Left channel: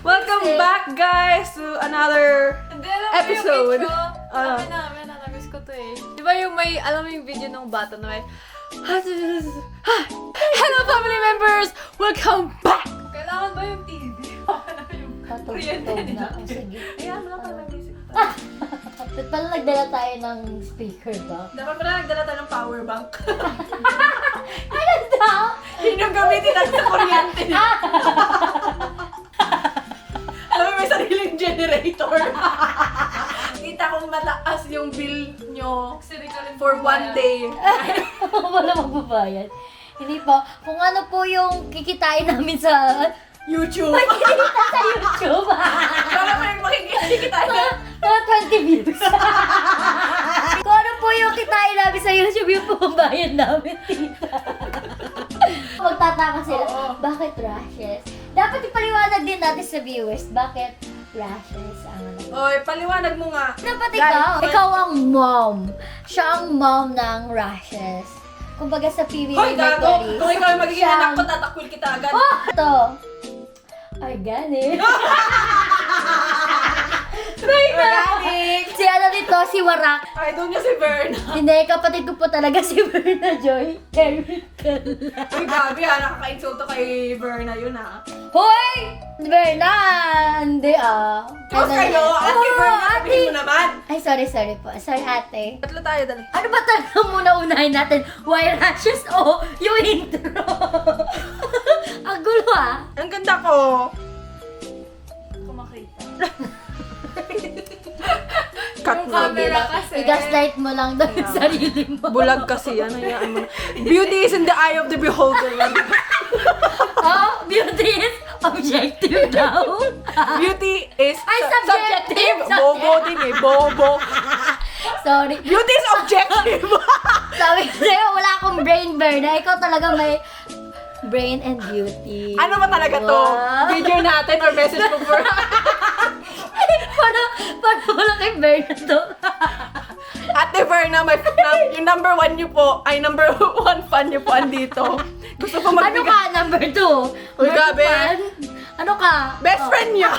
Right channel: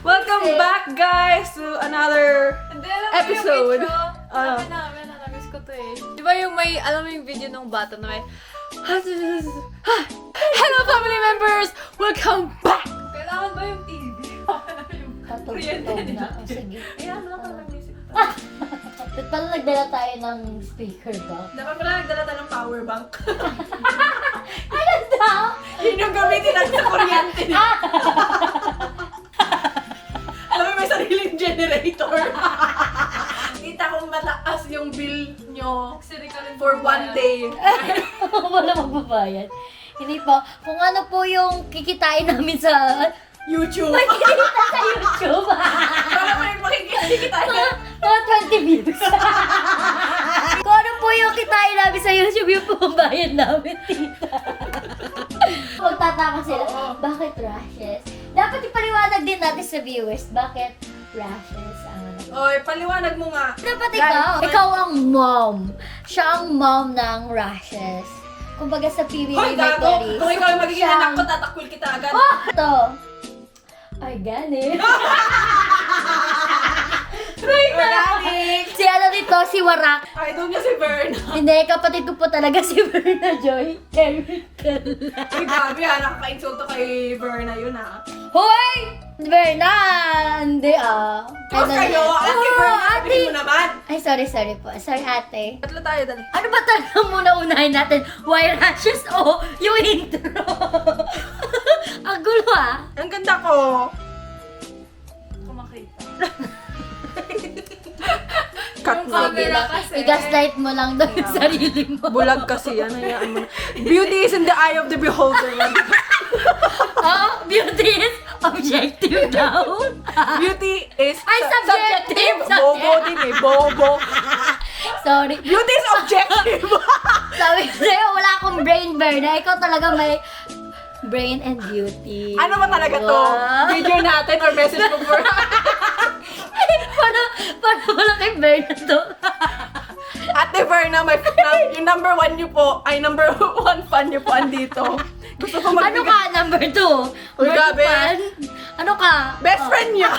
Welcome back, guys, to another episode. Sabi namin, namiss ko to eh. Di ba yung may, alam mo yung video ng bata na may, Hello, family members! Welcome back! kailangan ba yung TV? Kuryente na. Sige. Ayan, wala pa naman music. Ba't pala nagdala tayo ng speaker ba? Dapat pala nagdala tayo ng power bank. Ano daw? Yun yung gamitin natin sa kuryente. Alam mo, may sariling generator. Kita kong mataas yung bill nyo for one day. Wala magbabayad. Hindi po. Kung ano po yung kikitain namin sa YouTube. makikita sa YouTube. Para mo yung makikita tayo. Mga 20 views. Kung ano po yung kitain namin sa YouTube, yung po ang bayad namin, tita. Magtataka sila, bakit rashes? Dapat ipaliwanag din natin sa viewers, bakit rashes ang ano. Oy, paliwanag mo nga. Dapat ikaw ang mom. Siya ang mom ng rashes. Kumbaga sa PBB Hoy, gago! Mercury. Kung ikaw yung magiging anak ko, tatakwil kita agad. Oh! Ito. Organic. Organic! Si ano nito, si Warak. Idol niya si Verna. Hindi, kapatid ko po talaga si Berna Joy. Chemical. Uy, gabi ha, nakaka-insulto kay Verna yun ha. Hoy! Berna! Hindi Tapos kayo, ate Verna, sabihin mo naman. Ay, sorry po. Sorry, ate. Tatlo tayo, dali. Ano ba talaga muna unahin natin? Why rashes o yung intro? Ang gulo Ang ganda ko. Kumakita. Cut Yung na. camera kasi. I-gaslight mo lang daw yung sarili mo. Bulag kasi yan, hayaan mo na. Beauty is in the eye of the beholder. Beauty is objective daw. Beauty is Ay, subjective. Bobo din eh, bobo. Sorry. Beauty is objective. Sabi ko sa'yo, wala akong brain burn. Ikaw talaga may brain and beauty. Ano ba talaga to? Video natin or message ko for... Paano wala kay burn na to? Ate Verna, yung number one nyo po, ay number one fan nyo po andito. Gusto ko Ano magbigay. ka, number 2? Uy, gabi. Ano ka? Best friend niya.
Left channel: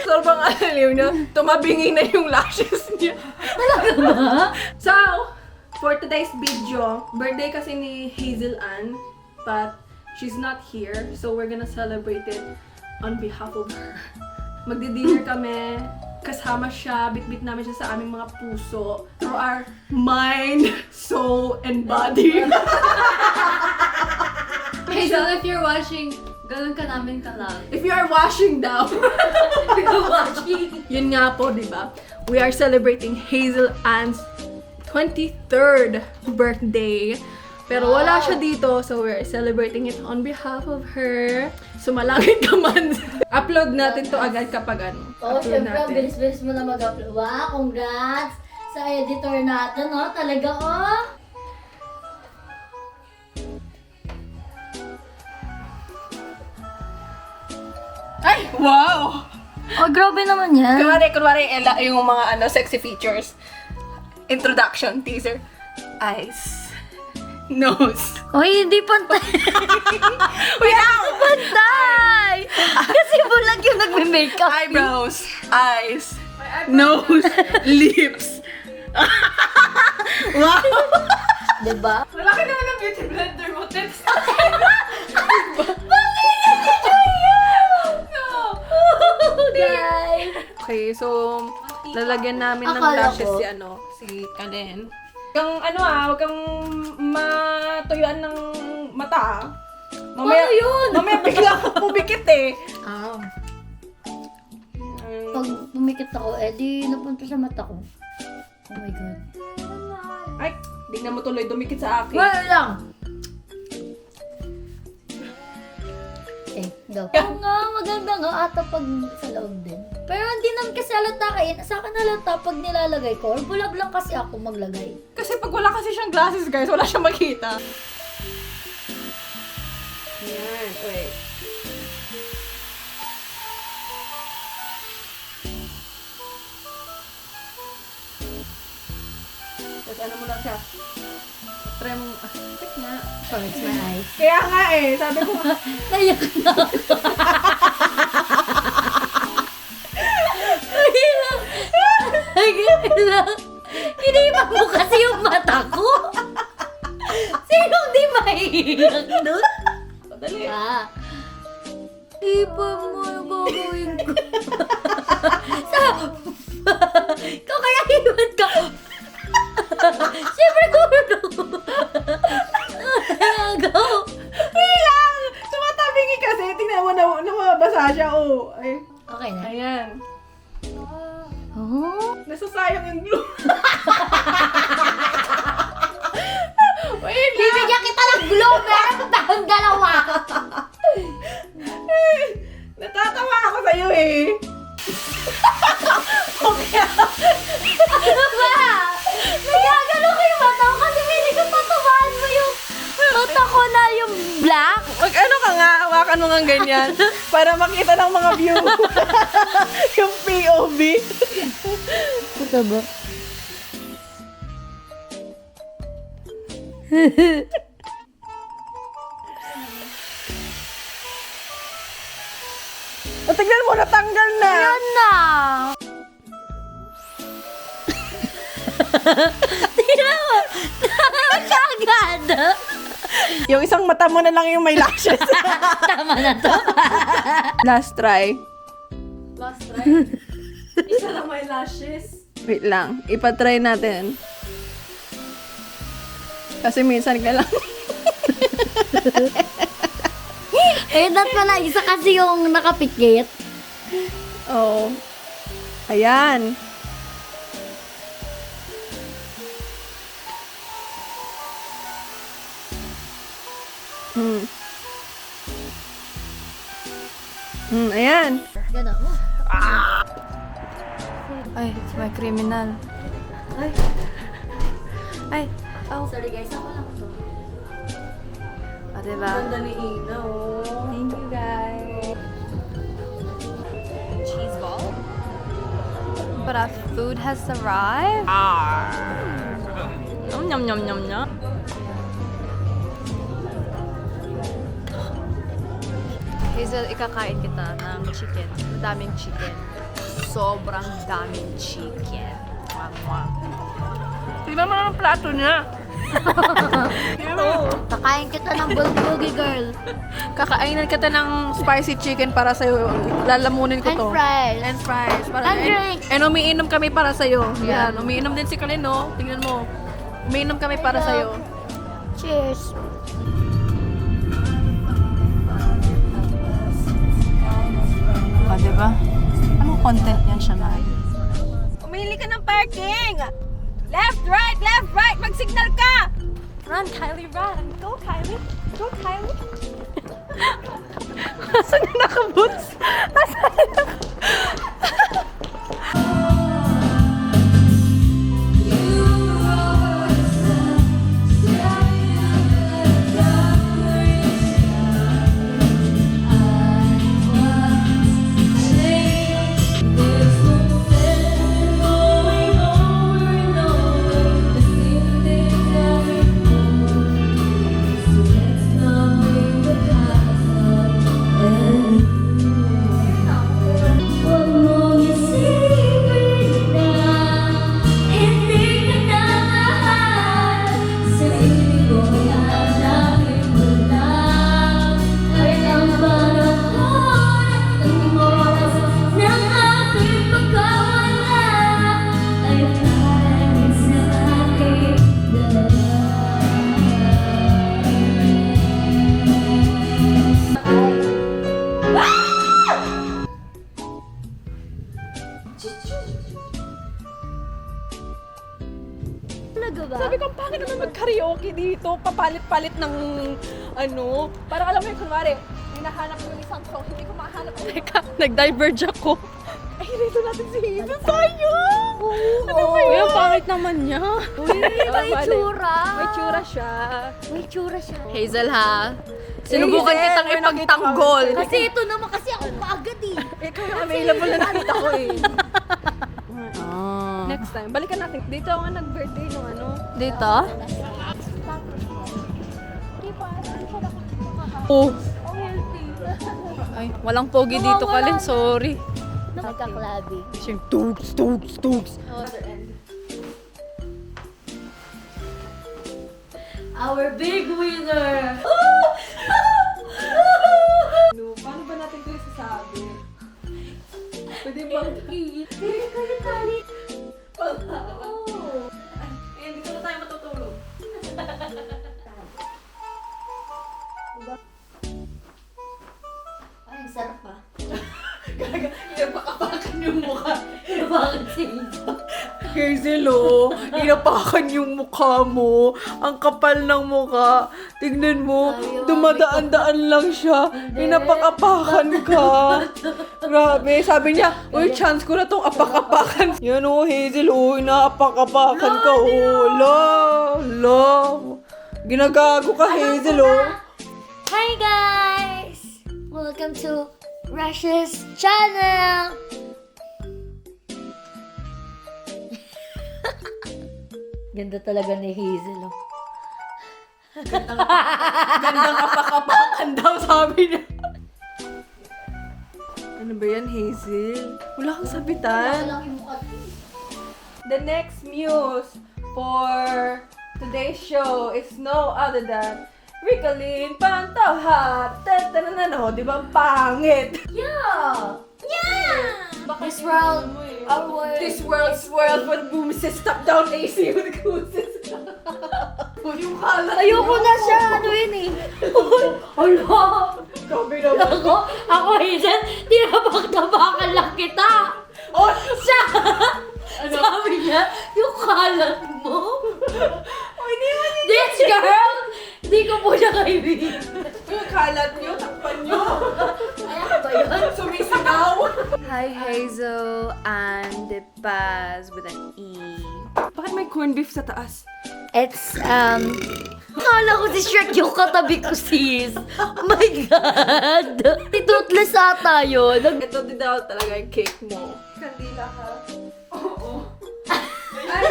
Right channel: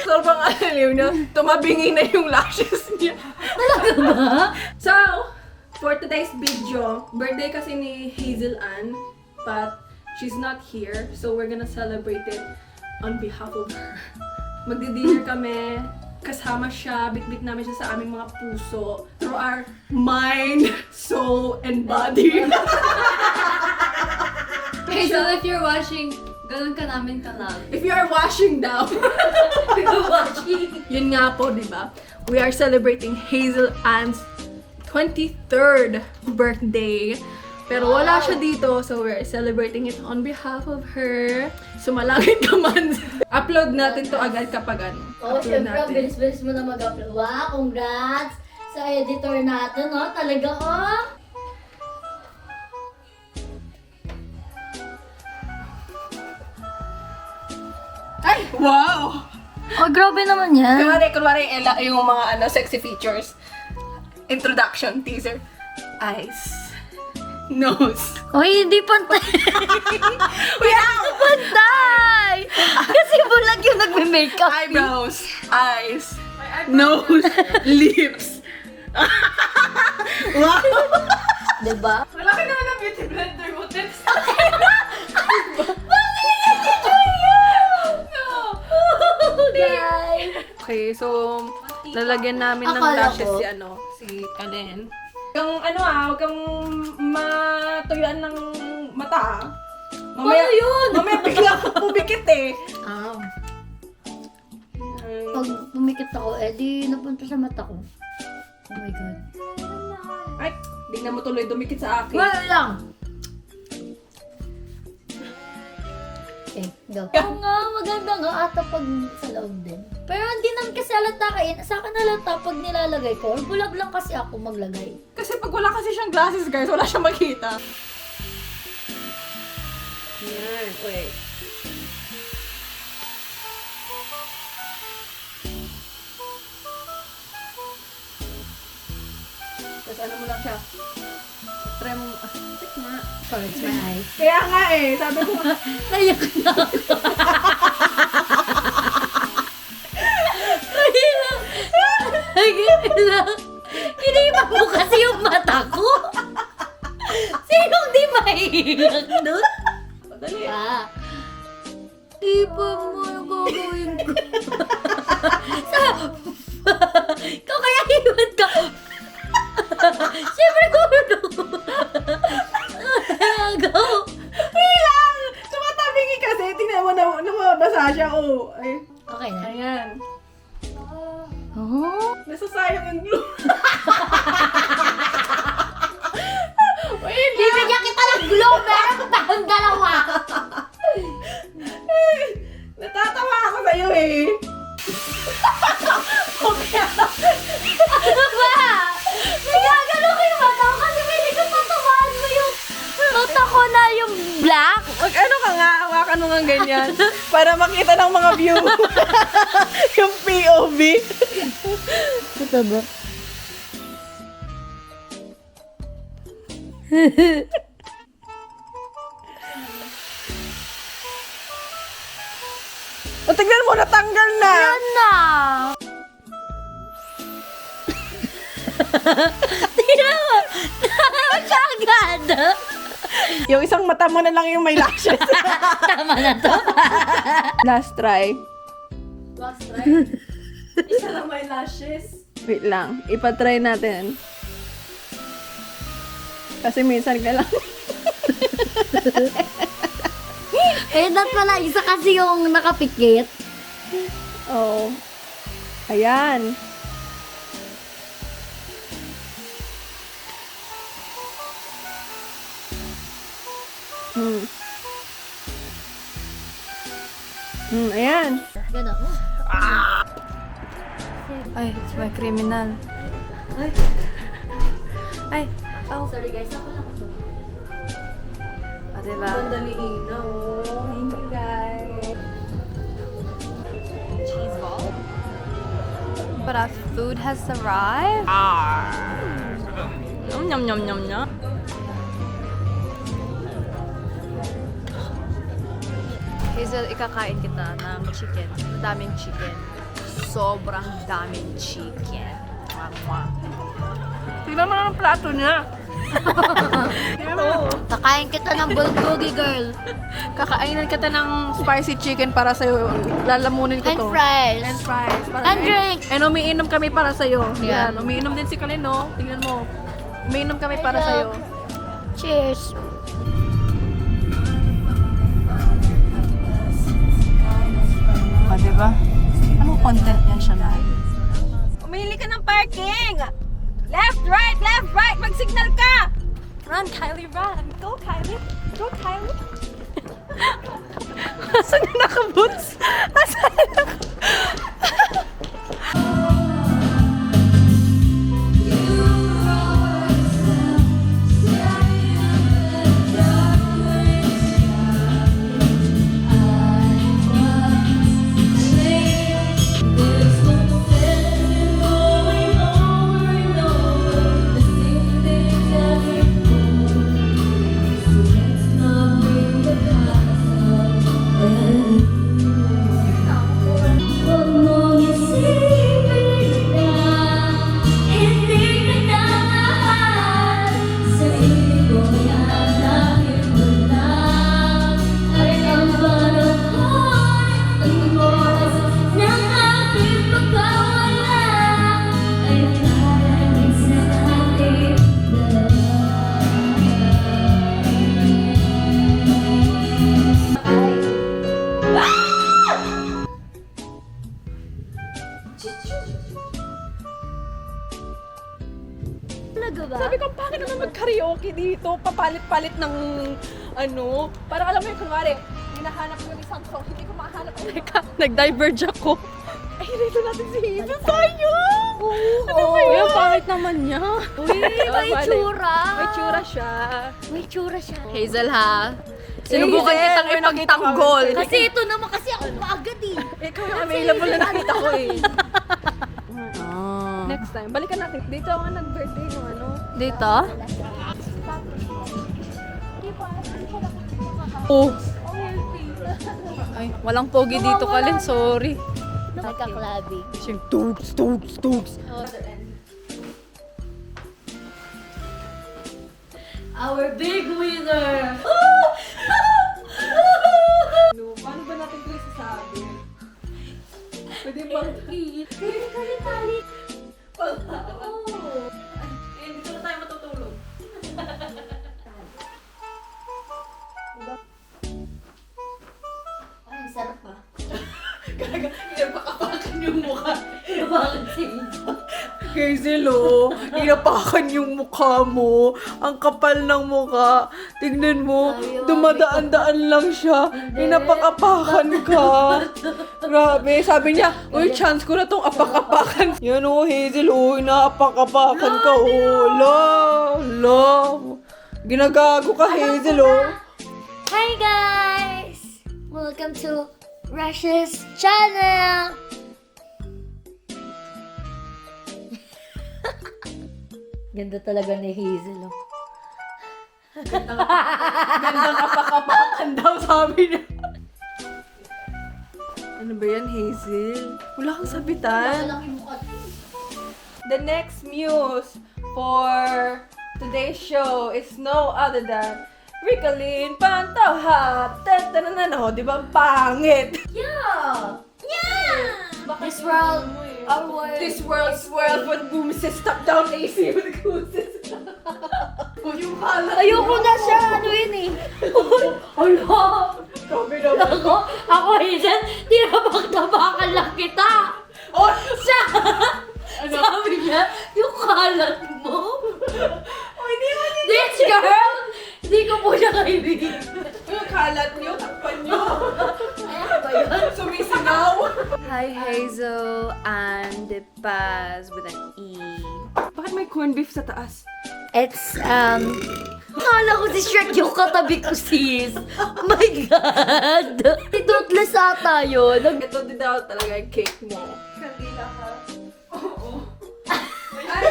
Sobrang aliw niya. Tumabingi na yung lashes niya. Talaga ba? So, for today's video, birthday kasi ni Hazel Ann, but she's not here, so we're gonna celebrate it on behalf of her. Magdi-dinner kami, kasama siya, bit-bit namin siya sa aming mga puso, through our mind, soul, and body. Hazel, if you're watching, ganun ka namin ka-love. If you are washing down, Watching. yun nga po, di ba? We are celebrating Hazel Ann's 23rd birthday. Pero wala siya dito, so we're celebrating it on behalf of her. Sumalangit ka man. Upload natin to agad kapag ano. Oh, Upload syempre, natin. bilis-bilis mo na mag-upload. Wow, congrats sa editor natin, oh. Talaga, oh. Ay! Wow! Oh, grabe naman yan. Kunwari yung mga sexy features. Introduction, teaser. Eyes. Nose. Hoy, hindi pantay. Wait, ow! Pantay! Kasi bulag yung nagme-makeup. Eyebrows. Eyes. Nose. Lips. Wow! Diba? Wala ka naman ng beauty blender mo, Tess. Guys. Okay, so lalagyan namin ng Akala lashes ko. si Kalen. Huwag kang matuyuan ng mata. Mamaya, Ano yun? Mamaya bigla ka pumikit eh. Pag pumikit ako, di napunta sa mata ko. Oh my God. Ay, tingnan mo tuloy dumikit sa akin. Wala lang. Okay, go. Oo nga, maganda nga ata pag sa loob din. Pero hindi naman kasi halata kain. Sa akin halata pag nilalagay ko. Bulag lang kasi ako maglagay. Kasi pag wala kasi siyang glasses, guys, wala siyang makita. Yan, wait. Tapos ano mo lang siya. Try mo, check nga. Oh, it's my eyes. Kaya nga eh, sabi ko, Naiyak na ako. Ay lang. Ay lang. Iniiba mo kasi yung mata ko. Sinong di mahihiyak doon? dali. Iba mo yung gagawin ko. Ikaw kaya hiwad ka. Siyempre gulong. Go. Kailang! Tumatabingi kasi, tingnan mo na mabasa siya, oh. Ay, Okay na. ayan. Oh? Nasasayang yung glue. Wait lang. Bibigyan kita ng glow. Meron pa tayong dalawa. Natatawa ako sa'yo eh. Ano ba? Nagagano ko yung mata ko kasi pwede ko tatawaan mo yung mata ko na yung black. Mag ano ka nga, hawakan mo nga ganyan. Para makita ng mga view. Yung POV. Ito ba? O, tignan mo, natanggal na. Ayan na. Tingnan mo. Siya agad. Yung isang mata mo na lang yung may lashes. Tama na to. Last try. Last try. Isa lang may lashes. Wait lang, ipatry natin. Kasi minsan ka lang. Eh, that pala. Isa kasi yung nakapikit. Oo. Ayan. Ayan. Gano'n. Ay, it's my criminal. Ay. Ay. Oh. Sorry guys. Ah, diba? Ganda ni Ina, oh. Thank you, guys. Cheese ball. But our food has arrived. Yum yum yum yum yum. Hazel, ikakain kita ng chicken. Madaming chicken. Sobrang daming chicken. Mwah, mwah. Tignan mo naman ang plato niya. Kakain kita ng bulgogi girl. Kakainan kita ng spicy chicken para sa'yo. Lalamunin ko And to. fries. And fries. And drink. And umiinom kami para sa'yo. Yan. Umiinom din si Colin, no? Tingnan mo. Umiinom kami para sa'yo. Cheers. O, diba? Anong content yan siya na? Umili ka ng parking! Left, right! Mag-signal ka! Run, Kylie, run! Go, Kylie! Go, Kylie! Asan na nakaboots? Asan na Talaga ba? Sabi ko, bakit naman mag-karaoke dito? Papalit-palit ng ano. Parang alam mo yung kunwari, hinahanap ko yung isang song, hindi ko mahanap. Teka, nag-diverge ako. Ay, dito natin si Hazel. Sayang! Ano ba yun? Ang pangit naman niya. Uy, may tsura. May tsura siya. May tsura siya. Hazel, ha? Sinubukan Hazel, kitang may ipagtanggol. Kasi ito naman kasi ako paagad eh. Ikaw yung available na nakita ko eh. Ah. Next time, Balikan natin. Dito nga nag-birthday yung ano. Dito? Oh. Ay, walang pogi dito, Kalin. Sorry. Nagkaklabi. Siyang tugs. Our big winner! No, paano ba natin ito isasabi? Pwede ba? Kalit. Eh, dito na tayo matutulog. Ay, ang sarap pa. Inapakan yung mukha. Bakit si Hazel, oh, inapakan yung mukha mo. Ang kapal ng mukha. Tignan mo, dumadaan-daan lang siya. Inapakapakan ka. Grabe, sabi niya, uy, chance ko na tong apak-apakan. Yan, oh, Hazel, oh, inapakapakan ka, oh. La. Ginagago ka, Hazel, oh. Hi guys! Welcome to Rush's channel! Ganda talaga ni Hazel. Oh. Gandang kapakapakan daw, sabi niya. Ano ba yan, Hazel? Wala kang sabitan. The next muse for today's show is no other than Ricolin Pantauhat. Tatananano, di ba pangit? Yeah! This world, our world. This world's world when bumises stop down AC with gooses. Yung kalat. Ayoko na siya, ano yun eh. Ala! Grabe naman. Ako Hazel, tinabak-tabakan lang kita. Oh, Siya! Sabi niya, yung kalat mo. oh, hindi mo This girl, hindi ko po siya kaibigan. yung kalat niyo, takpan niyo. Kaya ba yun? Sumisigaw. Hi, Hazel and Paz with an E. Bakit may corned beef sa taas? It's, Kala ko si Shrek yung katabi ko, sis. Oh my God! Toothless ata yun. Ito din daw talaga yung cake mo. Kandila ka. Oo. Ay,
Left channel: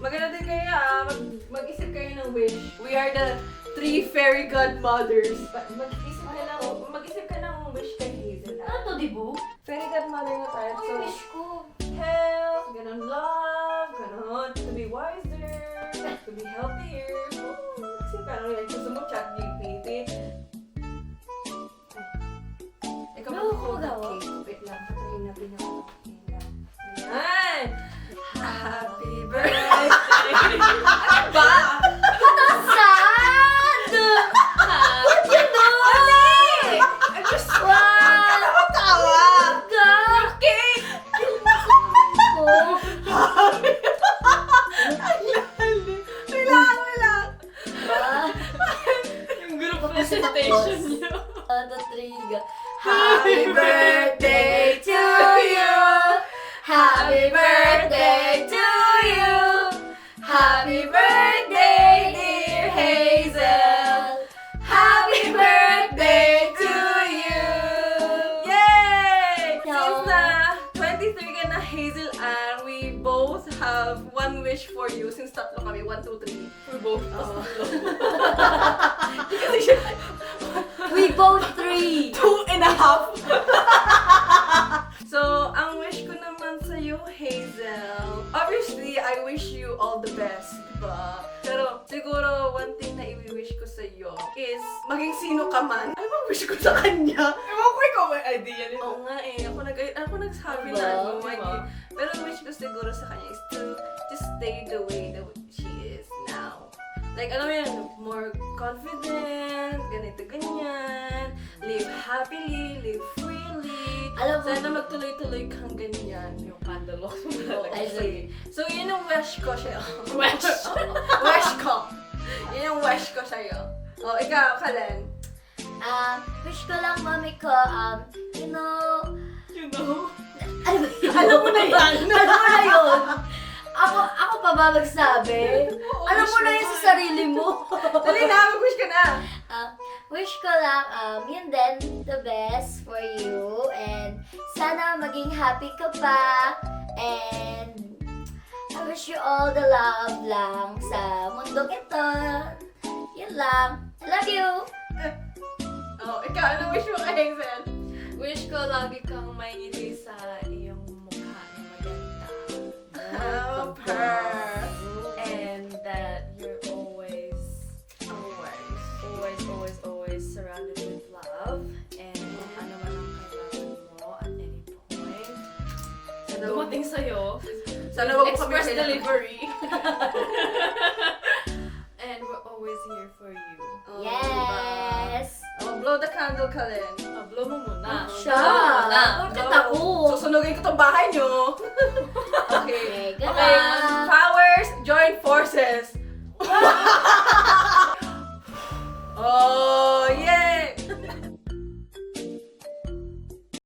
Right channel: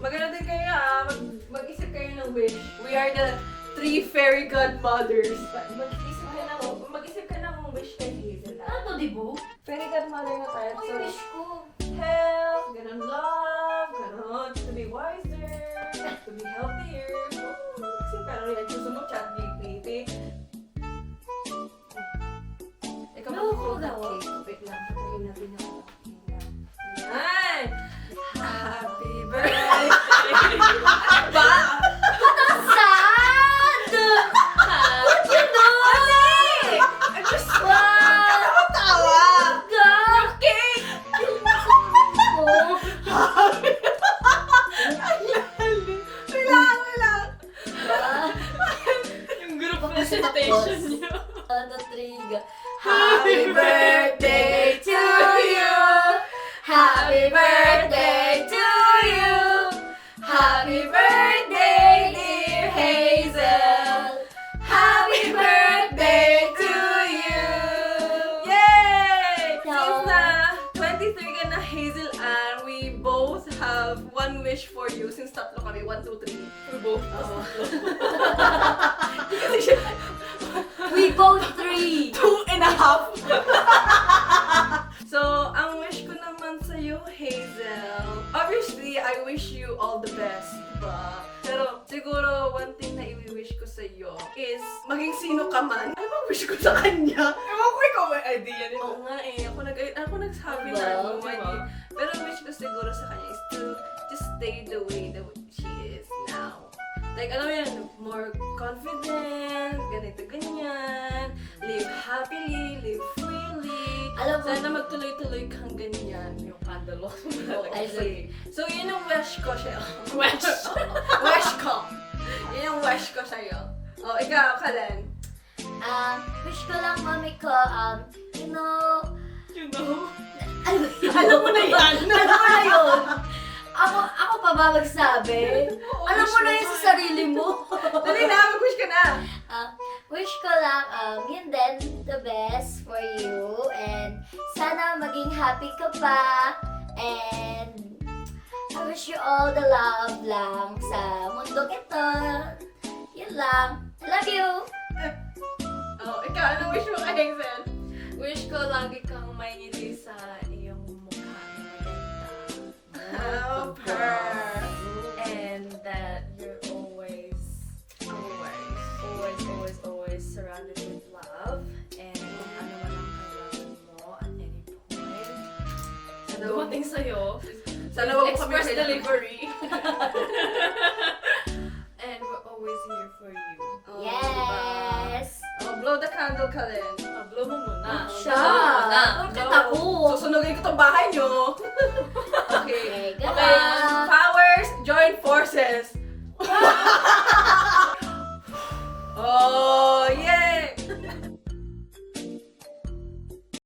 maganda din kayo mag-isip kayo ng wish. We are the 3 fairy godmothers. Mag-isip ka ng wish kay Hazel. Ano, dibu? Fairy godmother na tayo. So, ko. health, ganun love, ganun to be wiser, to be healthier. Kasi parang like gusto mo chat GPT. Ikaw No, mag-hold no. ng cake. Wait lang, patayin natin yung Ayan! Happy birthday! Ba? Sad! What you know? I'm just Wow! tawa! God! Cake! Wala! Yung group presentation niyo. Ano, Triga? Happy birthday to you! Happy birthday to you! Happy birthday, dear Hazel! Happy birthday to you! Yay! No. Since na 23 ka na, Hazel Ann, we both have one wish for you. Since tatlo kami, 1, 2, 3. We both. Kasi siya, We both 3! 2.5. So, ang wish ko naman sa'yo, Hazel, obviously, I wish you all the best, diba? Pero, siguro, one thing na i-wish ko sa'yo is, maging sino ka man. Ano bang wish ko sa kanya? Ewan ko, ikaw may idea nito. Oo nga eh. Ako nagsabi na, Diba? no, pero ang wish ko siguro sa kanya is to just stay the way that she is now. Like, alam mo yan, more confident, ganito, ganyan, live happily, live freely. Alam mo- Sana magtuloy-tuloy kang ganyan. Yung candle mo talaga. I see. So, yun yung wish ko siya. Wish ko. Yun yung wish ko sa'yo. Oh, ikaw, Kalen. Wish ko lang, mami ko, you know, You know? ano ba yun? Alam mo na yan. Alam mo na yun? Ako pa ba magsabi? Alam mo na yun sa sarili mo. Dali na, mag-wish ka na. Wish ko lang, yun din, the best for you. And sana maging happy ka pa. And I wish you all the love lang sa mundong ito. Yun lang. Love you! Oh, ikaw, ano wish mo kay Hazel? Wish ko lagi kang may ngiti sa iyong mukha na maganda. Oh, per. And that you're always surrounded with love. And kung ano man ang kailangan mo at any point. Dumating sa'yo. Sana wag mo kami Express kailangan. delivery. And we're always here for you. Yes! Oh, blow the candle ka rin. Blow mo muna. Siya! Bakit Blow. ako? Susunugin ko tong bahay nyo. Okay, Okay. goodbye! Okay, powers, join forces. Oh!